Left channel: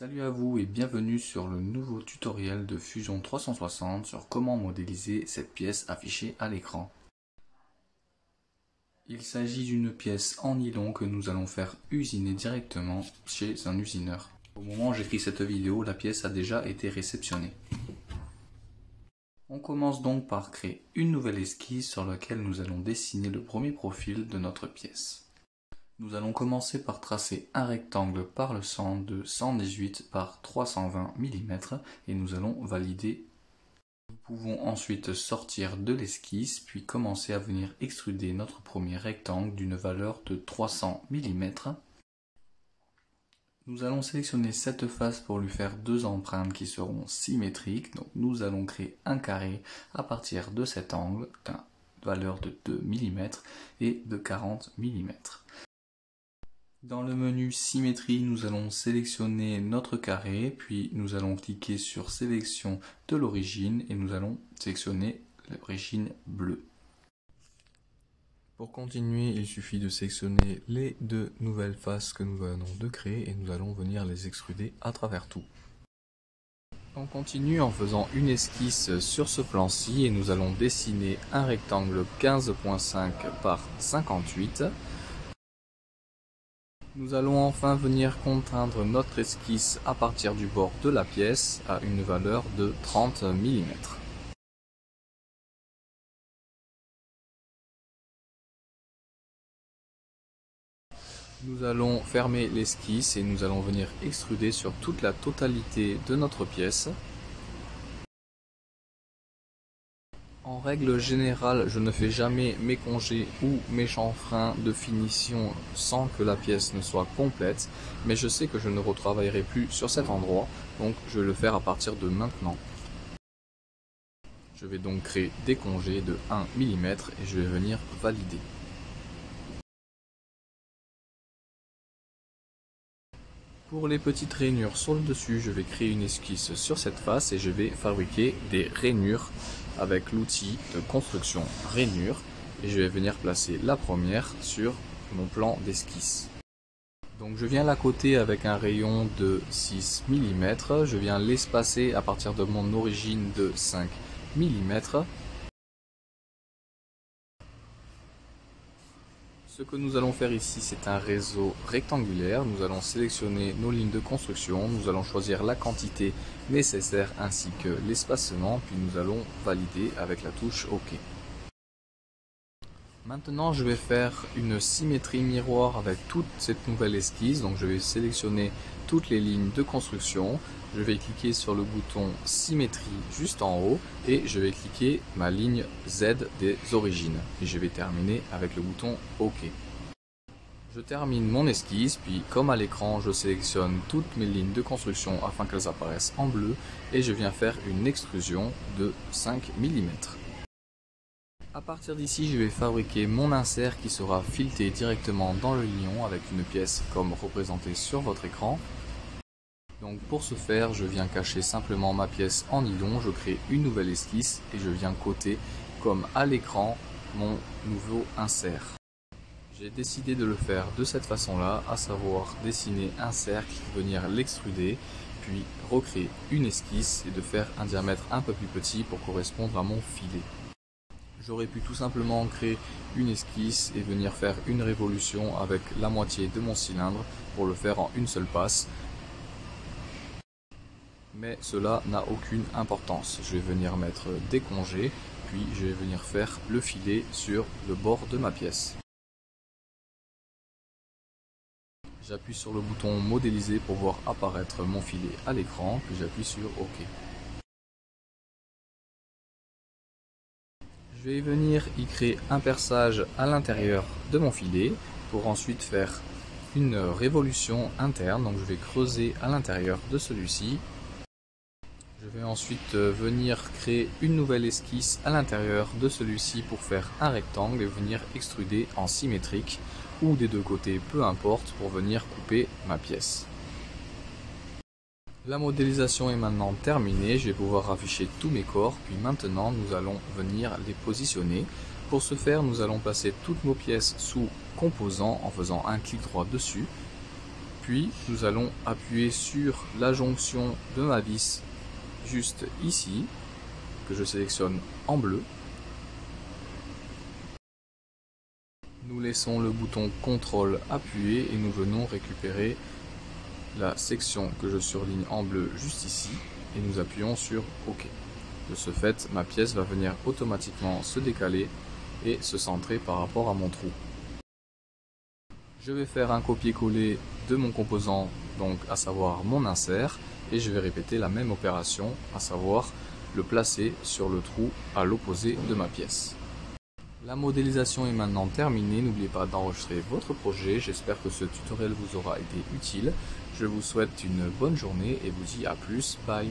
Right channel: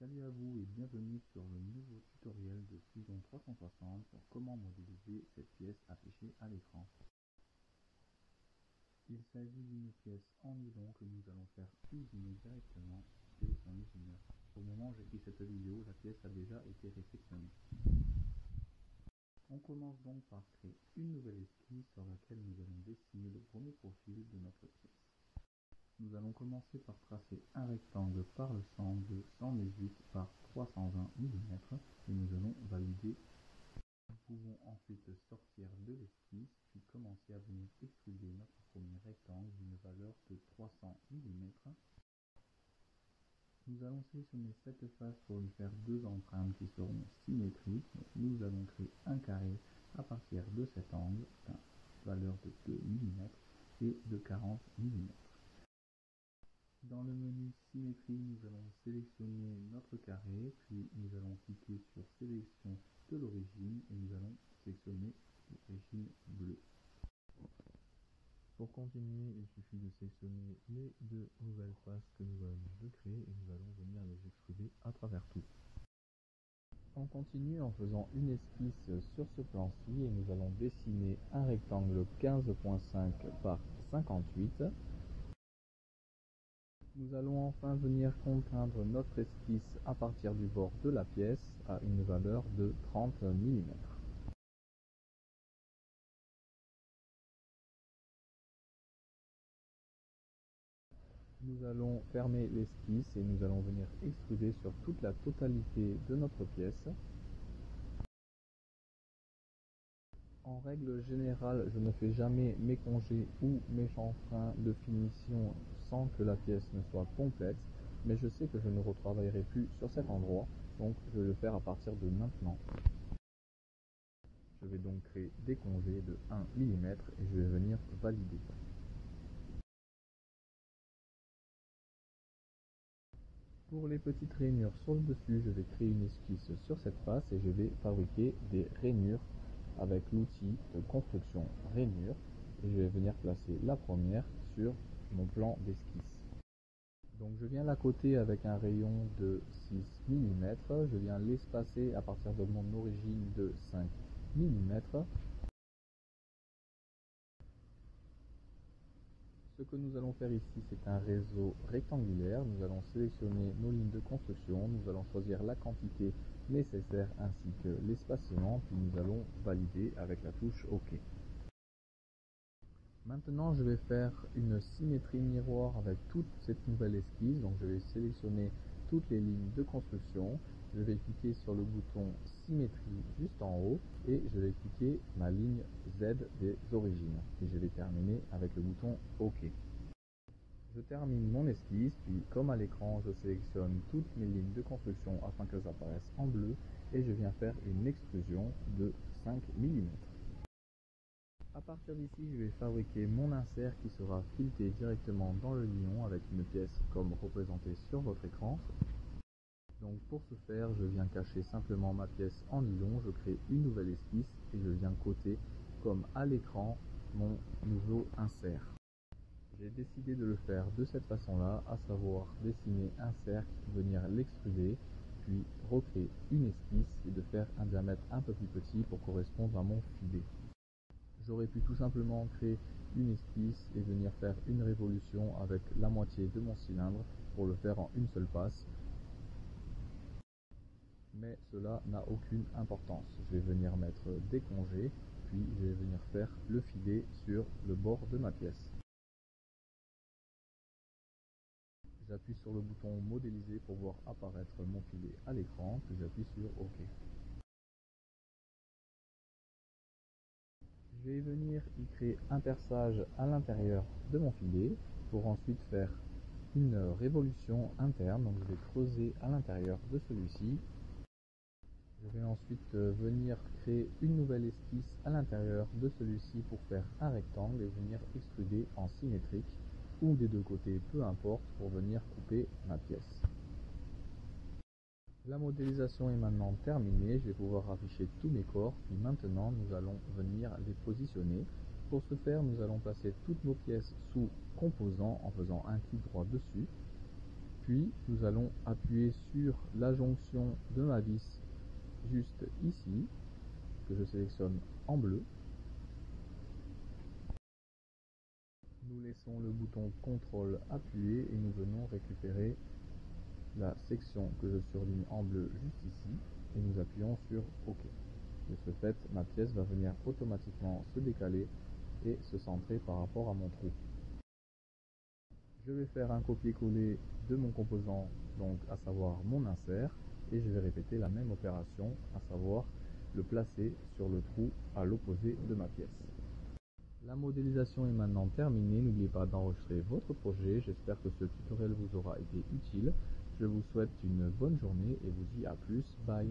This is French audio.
Salut à vous et bienvenue sur le nouveau tutoriel de Fusion 360 sur comment modéliser cette pièce affichée à l'écran. Il s'agit d'une pièce en nylon que nous allons faire usiner directement chez un usineur. Au moment où j'écris cette vidéo, la pièce a déjà été réceptionnée. On commence donc par créer une nouvelle esquisse sur laquelle nous allons dessiner le premier profil de notre pièce. Nous allons commencer par tracer un rectangle par le centre de 118 par 320 mm et nous allons valider. Nous pouvons ensuite sortir de l'esquisse puis commencer à venir extruder notre premier rectangle d'une valeur de 300 mm. Nous allons sélectionner cette face pour lui faire deux empreintes qui seront symétriques. Donc nous allons créer un carré à partir de cet angle d'une valeur de 2 mm et de 40 mm. Dans le menu symétrie, nous allons sélectionner notre carré, puis nous allons cliquer sur sélection de l'origine et nous allons sélectionner l'origine bleue. Pour continuer, il suffit de sélectionner les deux nouvelles faces que nous venons de créer et nous allons venir les extruder à travers tout. On continue en faisant une esquisse sur ce plan-ci et nous allons dessiner un rectangle 15.5 par 58. Nous allons enfin venir contraindre notre esquisse à partir du bord de la pièce à une valeur de 30 mm. Nous allons fermer l'esquisse et nous allons venir extruder sur toute la totalité de notre pièce. En règle générale, je ne fais jamais mes congés ou mes chanfreins de finition sans que la pièce ne soit complète, mais je sais que je ne retravaillerai plus sur cet endroit, donc je vais le faire à partir de maintenant. Je vais donc créer des congés de 1 mm et je vais venir valider. Pour les petites rainures sur le dessus, je vais créer une esquisse sur cette face et je vais fabriquer des rainures avec l'outil de construction rainure et je vais venir placer la première sur mon plan d'esquisse. Donc je viens la coter avec un rayon de 6 mm, je viens l'espacer à partir de mon origine de 5 mm. Ce que nous allons faire ici, c'est un réseau rectangulaire. Nous allons sélectionner nos lignes de construction, nous allons choisir la quantité nécessaire ainsi que l'espacement, puis nous allons valider avec la touche OK. Maintenant, je vais faire une symétrie miroir avec toute cette nouvelle esquisse. Donc je vais sélectionner toutes les lignes de construction. Je vais cliquer sur le bouton symétrie juste en haut et je vais cliquer ma ligne Z des origines. Et je vais terminer avec le bouton OK. Je termine mon esquisse, puis comme à l'écran, je sélectionne toutes mes lignes de construction afin qu'elles apparaissent en bleu et je viens faire une extrusion de 5 mm. A partir d'ici, je vais fabriquer mon insert qui sera fileté directement dans le lion avec une pièce comme représentée sur votre écran. Donc pour ce faire, je viens cacher simplement ma pièce en nylon, je crée une nouvelle esquisse et je viens coter comme à l'écran mon nouveau insert. J'ai décidé de le faire de cette façon-là, à savoir dessiner un cercle, venir l'extruder, puis recréer une esquisse et de faire un diamètre un peu plus petit pour correspondre à mon filet. J'aurais pu tout simplement créer une esquisse et venir faire une révolution avec la moitié de mon cylindre pour le faire en une seule passe. Mais cela n'a aucune importance. Je vais venir mettre des congés, puis je vais venir faire le filet sur le bord de ma pièce. J'appuie sur le bouton modéliser pour voir apparaître mon filet à l'écran, puis j'appuie sur OK. Je vais venir y créer un perçage à l'intérieur de mon filet pour ensuite faire une révolution interne. Donc je vais creuser à l'intérieur de celui-ci. Je vais ensuite venir créer une nouvelle esquisse à l'intérieur de celui-ci pour faire un rectangle et venir extruder en symétrique ou des deux côtés, peu importe, pour venir couper ma pièce. La modélisation est maintenant terminée, je vais pouvoir afficher tous mes corps, puis maintenant nous allons venir les positionner. Pour ce faire, nous allons placer toutes nos pièces sous composants en faisant un clic droit dessus. Puis nous allons appuyer sur la jonction de ma vis juste ici, que je sélectionne en bleu. Nous laissons le bouton CTRL appuyé et nous venons récupérer la section que je surligne en bleu juste ici et nous appuyons sur OK. De ce fait, ma pièce va venir automatiquement se décaler et se centrer par rapport à mon trou. Je vais faire un copier-coller de mon composant, donc à savoir mon insert, et je vais répéter la même opération, à savoir le placer sur le trou à l'opposé de ma pièce. La modélisation est maintenant terminée, n'oubliez pas d'enregistrer votre projet, j'espère que ce tutoriel vous aura été utile. Je vous souhaite une bonne journée et vous dis à plus, bye.